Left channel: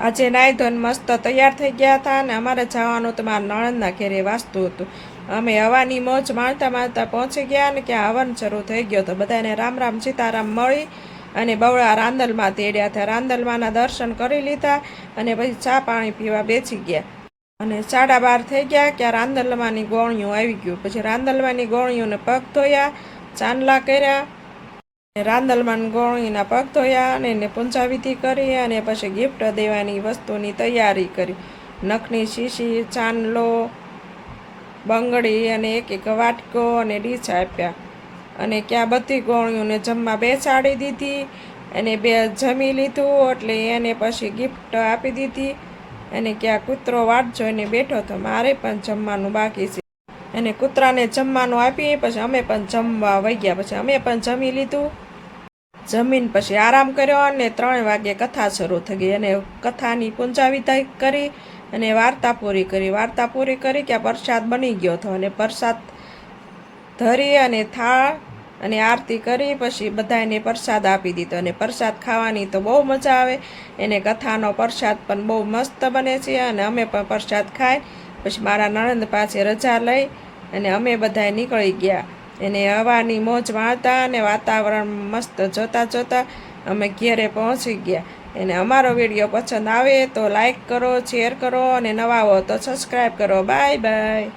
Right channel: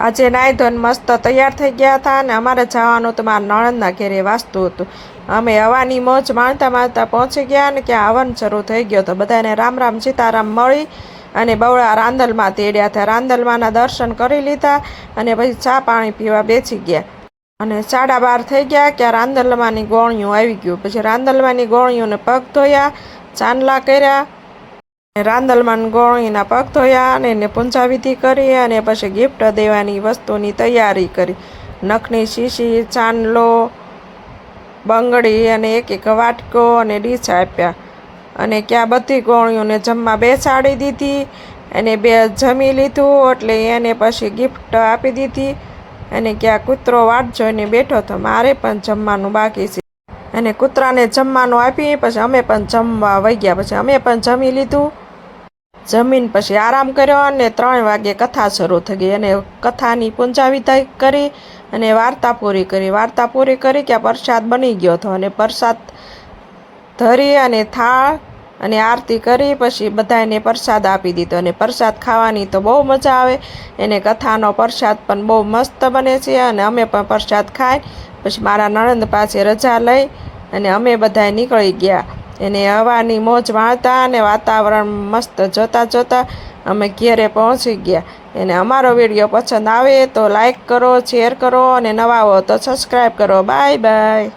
આજે નાહી ધોઈને મસ્ત તૈયાર થઈ ગયા હતા અને અમારે જવાનું તો મારા નણંદના ઘેરે વાસ્તું હતું. અમે હવાની મોજ માણતા માણતા પહોંચી ગયા અને ક્યાં હવન શરૂ થઈ ગયો તો બધાને રામ રામ સીતારામ મળી અને બવડા રાંદલમાં તેડ્યા હતા. રાંદલમાંના દર્શન કરી લીધા અને પછી ચા પાણી પીવા બેસી ગયા અને 12:30 થઈ ગયા ક્યાં રાંદલમાંની ગોળીઓ આવી ગયું. પછી રાંદલમાંની ગોળીઓને પગ ધોયા, ચાંદલા કર્યા, રાંદલમાં ગોળીના પગ ધોયા અને એને પૂંજાવિધિ કરી અને પછી ગિફ્ટ દેવાની વસ્તુની તૈયારી કરી. નખની શીશી, ચાંદલો, બંગડી અને એક વાટકો અને ડીશ આપ્યા અને ક્યાં બધી ગોળીઓને જમવા બેસાડી દીધી અને બે જમી લીધું એટલે એને પછી ગિફ્ટ આપી દીધી અને ક્યાં કૂતરો વાટ જોઈને બેઠો હતો. મારે પણ જમવાનું બાકી છે અને કૂતરાને જમવાનું આપી પછી અમે પણ જમવા વહી ગયા. પછી અમે પણ જમી લીધું. જમીન પછી આરામ કર્યો અને 3 વાગે કથા શરૂ થઈ ગઈ અને કથાની પૂંજાવિધિ કરી અને વાર્તા પૂરી કરી. વાર્તા પૂરી કરી કે પ્રસાદ બની ગયો હતો અને પ્રસાદ ધરી અને થાળ અને આરતી કરી પછી બધાને પ્રસાદ આપી દીધો અને પ્રસાદ ખાવાની તો બહુ મજા આવે. એને કથાનો પ્રસાદ પણ બહુ મસ્ત બને છે અને અમે પણ પ્રસાદ ખાઈ પછી મારા નણંદ પાસે રજા લઈ અને અમે બધા નીકળી ગયા. એને હવાની મોજ માણતા અને વાતાવરણ મસ્ત જોતા જોતા અમે ઘેરે પહોંચી ગયા. એને અમારો વિડીયો પસંદ આવે તો લાઈક કરો, શેર કરો અને નવા હો તો સબસ્ક્રાઈબ કરો. Bye bye.